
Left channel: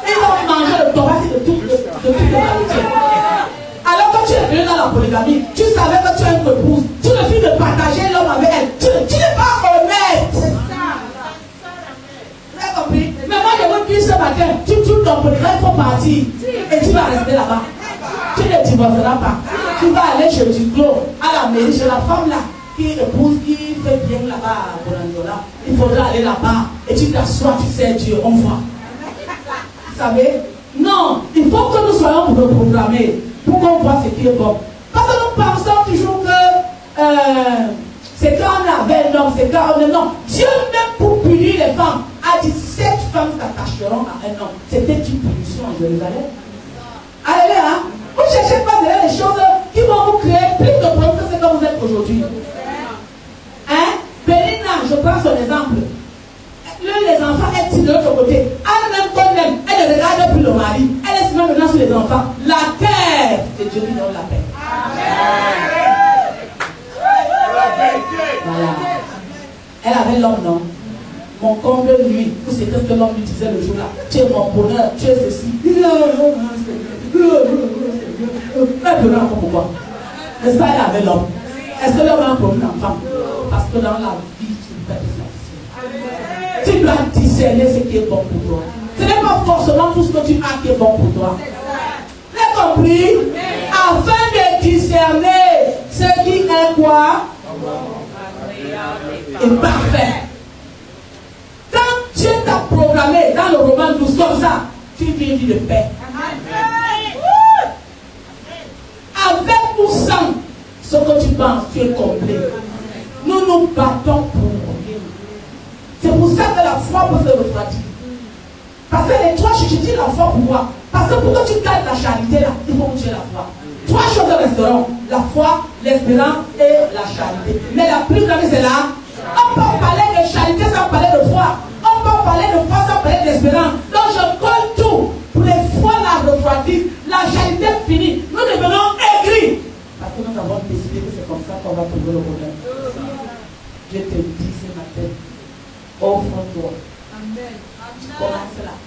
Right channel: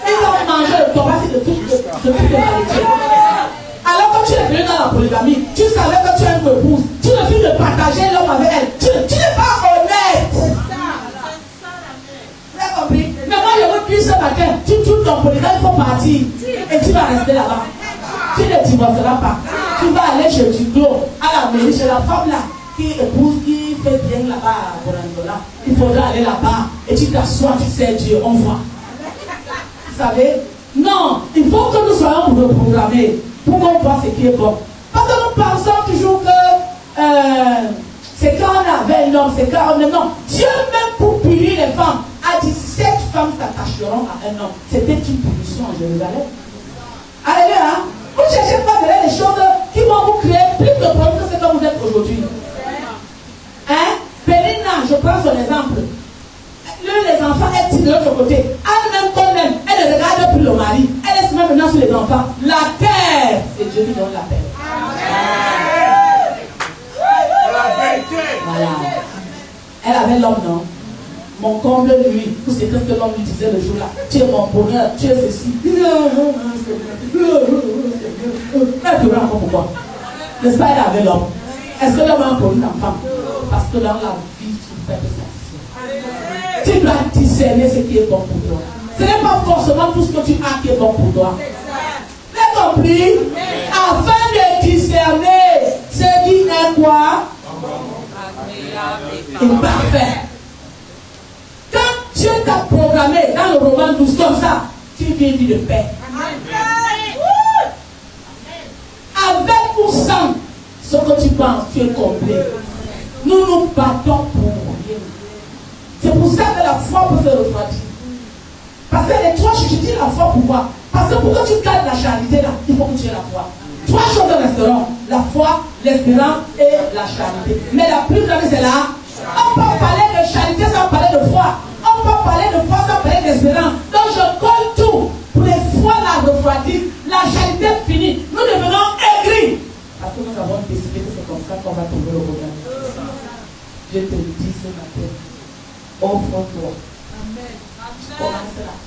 Il va manger le thorax de toute l'humanité. Alors quand tu es venu dans la polygamie, tu savais que tu as une épouse. Tu refuses de partager l'homme avec elle. Tu n'es pas honnête. Vous avez compris? Mais moi je veux dire ce matin, tu trouves ton polygame, il faut partir. Et tu vas rester là-bas. Tu ne divorceras pas. Tu vas aller chez Duclos, à la mairie, chez la femme là, qui épouse, qui fait bien là-bas à Borandola. Il faudra aller là-bas. Et tu t'assois, tu sais Dieu, on voit. Vous savez? Non, il faut que nous soyons reprogrammés pour qu'on voit ce qui est bon. Parce que nous pensons toujours que c'est quand on avait un homme, c'est quand on avait un homme. Dieu même pour punir les femmes a dit 7 femmes s'attacheront à un homme. C'était une punition à Jérusalem. Alléluia. Vous ne cherchez pas derrière les choses qui vont vous créer plus de problèmes que ce que vous êtes aujourd'hui. Hein? Pénina, je prends son exemple. Les enfants, elle tire de l'autre côté. Elle-même comme même, elle ne regarde plus le mari. Elle est maintenant sur les enfants. La terre, c'est Dieu qui donne la paix. Voilà. Elle avait l'homme, non? Mon comble lui, tout c'est ce que l'homme lui disait le jour-là. Tu es mon bonheur, tu es ceci. Elle pleure encore pourquoi? N'est-ce pas, elle avait l'homme. Est-ce que l'homme a pour une enfant? Parce que dans la vie, tu fais ça. Tu dois discerner ce qui est bon pour toi. Ce n'est pas forcément tout ce que tu as qui est bon pour toi. Vous avez compris? Afin de discerner ce qui est quoi? Et parfait. Quand Dieu t'a programmé dans le roman 12 comme ça, tu vis une vie de paix. paix. Avec ou sans ce que tu penses, tu es comblé. Nous nous battons pour rien. C'est pour ça que la foi peut se refroidir. Parce que les trois choses, je dis la foi pour moi. Parce que pour que tu gardes la charité là, il faut que tu aies la foi. Trois choses resteront: la foi, l'espérance et la charité. Mais la plus grande, c'est là. On peut parler de charité sans parler de foi. On peut parler de foi sans parler d'espérance. Donc je colle tout pour les foi la refroidir. La charité finie. Nous devenons aigris. Parce que nous avons décidé que c'est comme ça qu'on va trouver le problème. Je te dis ce matin, offre-toi. Amen.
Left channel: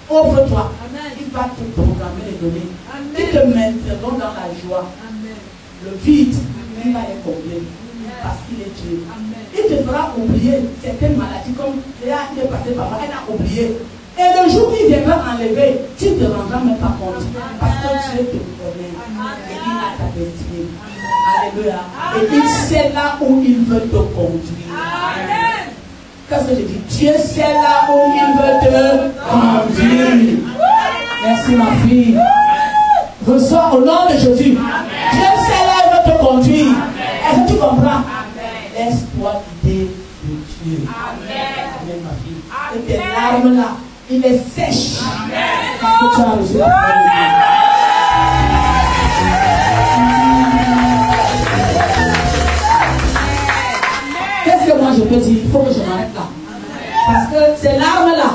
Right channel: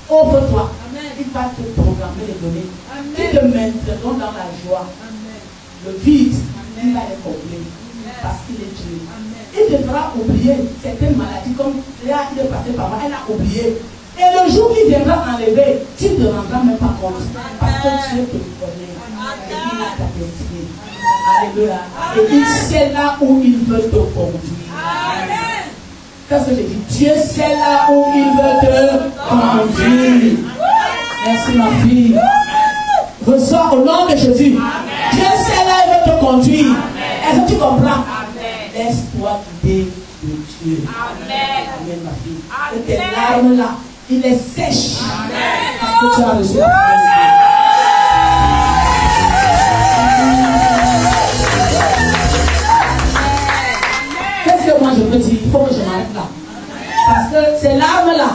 Offre-toi. Il va te programmer les données. Ils te mettront dans la joie. Amen. Le vide, il va les combler. Parce qu'il est Dieu. Amen. Il te fera oublier certaines maladies, comme Léa, il est passé par moi, elle a oublié. Et le jour qu'il viendra enlever, tu ne te rendras même pas compte. Parce que Dieu te connaît. Et il a ta destinée. Alléluia. Et il sait là où il veut te conduire. Amen. Qu'est-ce que j'ai dit? Dieu sait là où il veut te conduire. Merci ma fille. Reçois au nom de Jésus. Amen. Dieu sait là où il veut te conduire. Est-ce que tu comprends? Laisse-toi guider de Dieu. Amen. Amen ma fille. Amen. Et tes larmes là, il les sèche. Amen. Parce que tu as reçu la parole de Dieu. Qu'est-ce que moi je peux dire? Il faut que je m'arrête là. Parce que ces larmes-là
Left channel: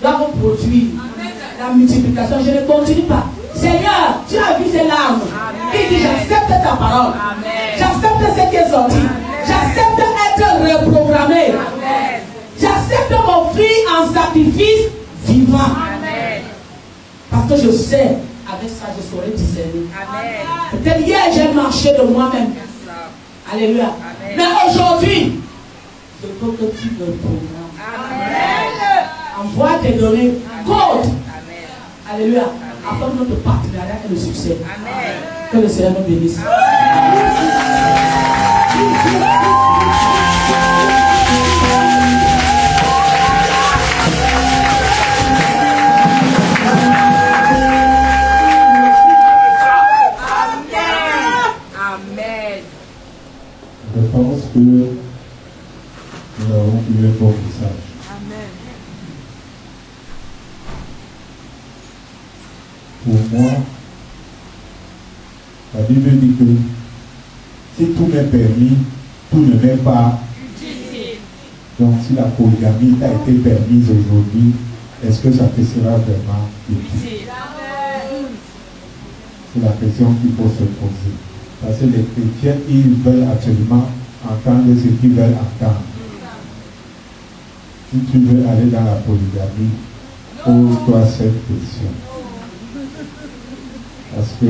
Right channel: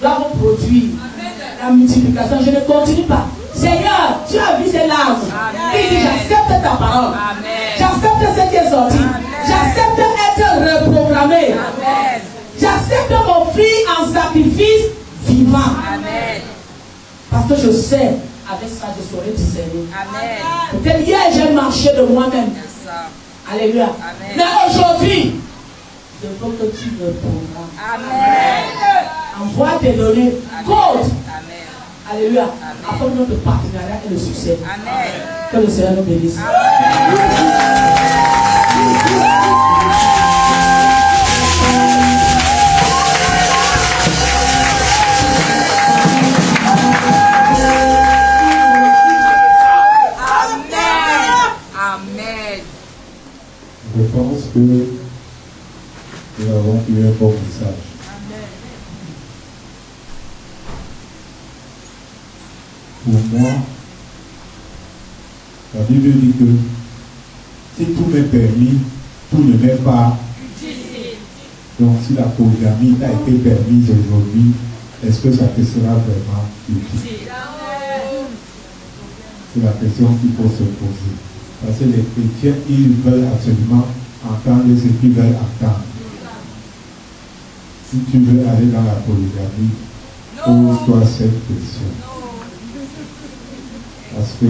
doivent produire la multiplication. Je ne continue pas. Seigneur, tu as vu ces larmes. Il dit, j'accepte ta parole. J'accepte ce qui est sorti. J'accepte d'être reprogrammé. J'accepte m'offrir en sacrifice vivant. Parce que je sais, avec ça, je saurai discerner. Peut-être hier, j'ai marché de moi-même. Alléluia. Mais aujourd'hui, je veux que tu me programmes. Envoie tes données. Code. Alléluia. Afin que notre partenariat ait le succès. Que le Seigneur nous bénisse. Je pense que nous avons eu un bon message. Pour moi, la Bible dit que si tout m'est permis, tout ne m'est pas. Donc si la polygamie a été permise aujourd'hui, est-ce que ça te sera vraiment utile? C'est la question qu'il faut se poser. Parce que les chrétiens, ils veulent absolument entendre ce qu'ils veulent entendre. Si tu veux aller dans la polygamie, pose-toi cette question. Parce que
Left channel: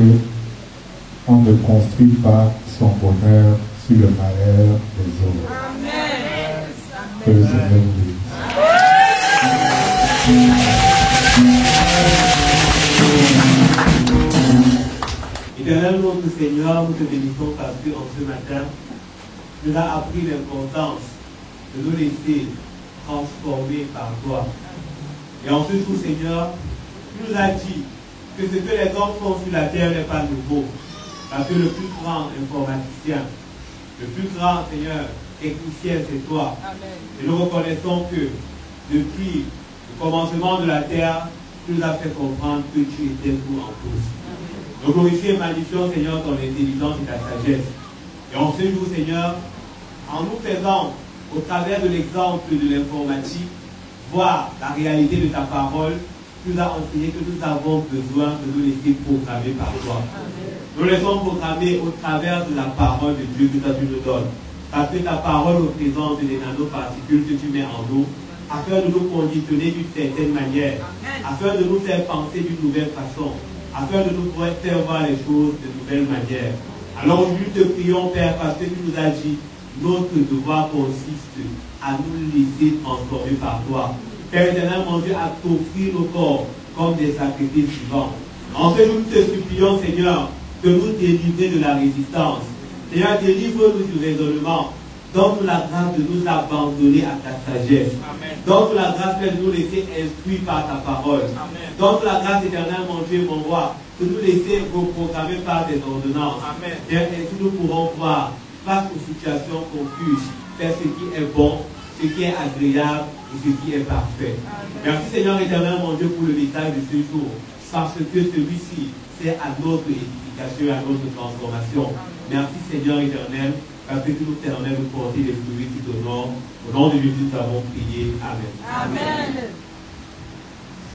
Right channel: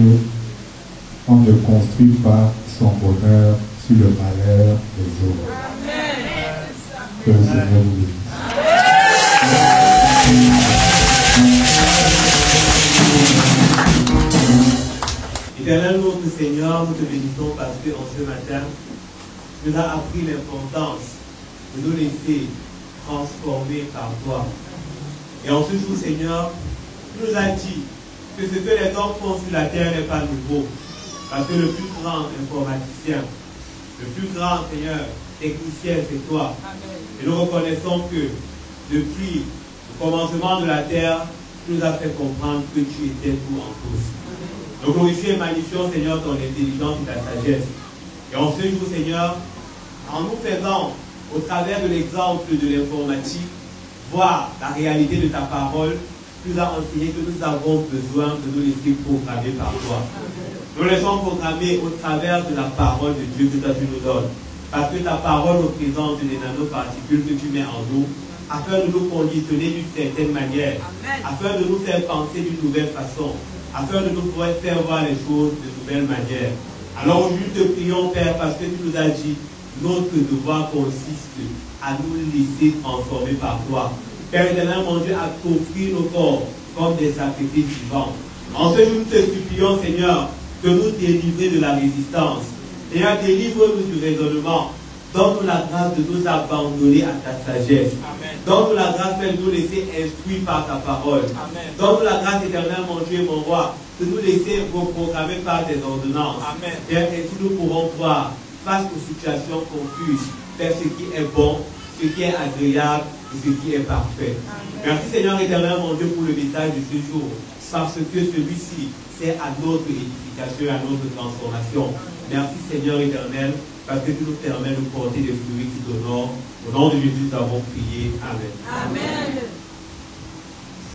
on ne construit pas son bonheur sur le malheur des autres. Que le Seigneur nous bénisse. Éternel notre Seigneur, nous te bénissons parce qu'en ce matin, tu nous as appris l'importance de nous laisser transformer par toi. Et en ce jour, Seigneur, tu nous as dit que ce que les hommes font sur la terre n'est pas nouveau. Parce que le plus grand informaticien, le plus grand, Seigneur, technicien, c'est toi. Et nous reconnaissons que depuis le commencement de la terre, tu nous as fait comprendre que tu étais tout en tous. Nous glorifions et magnifions, Seigneur, ton intelligence et ta sagesse. Et en ce jour, Seigneur, en nous faisant, au travers de l'exemple de l'informatique, voir la réalité de ta parole, tu nous as enseigné que nous avons besoin de nous laisser programmer par toi. Nous laissons programmer au travers de la parole de Dieu que toi tu nous donnes. Parce que ta parole représente des nanoparticules que tu mets en nous, afin de nous conditionner d'une certaine manière, afin de nous faire penser d'une nouvelle façon, afin de nous faire voir les choses de nouvelle manière. Alors aujourd'hui, te prions, Père, parce que tu nous as dit, notre devoir consiste à nous laisser transformer par toi. Père éternel, mon Dieu, à t'offrir nos corps comme des sacrifices vivants. En ce jour, nous te supplions, Seigneur, de nous délivrer de la résistance. Seigneur, délivre-nous du raisonnement. Donne-nous la grâce de nous abandonner à ta sagesse. Amen. Donne-nous la grâce de nous laisser instruire par ta parole. Amen. Donne-nous la grâce éternelle, mon Dieu et mon roi, de nous laisser reprogrammer par tes ordonnances. Amen. Et ainsi nous pourrons voir, face aux situations confuses, faire ce qui est bon, ce qui est agréable et ce qui est parfait. Merci Seigneur éternel, mon Dieu, pour le message de ce jour, parce que celui-ci, c'est à notre édification, à notre transformation. Merci Seigneur éternel, parce que tu nous permets de porter des fruits qui t'honorent. Au nom de Jésus, nous avons prié. Amen. Amen.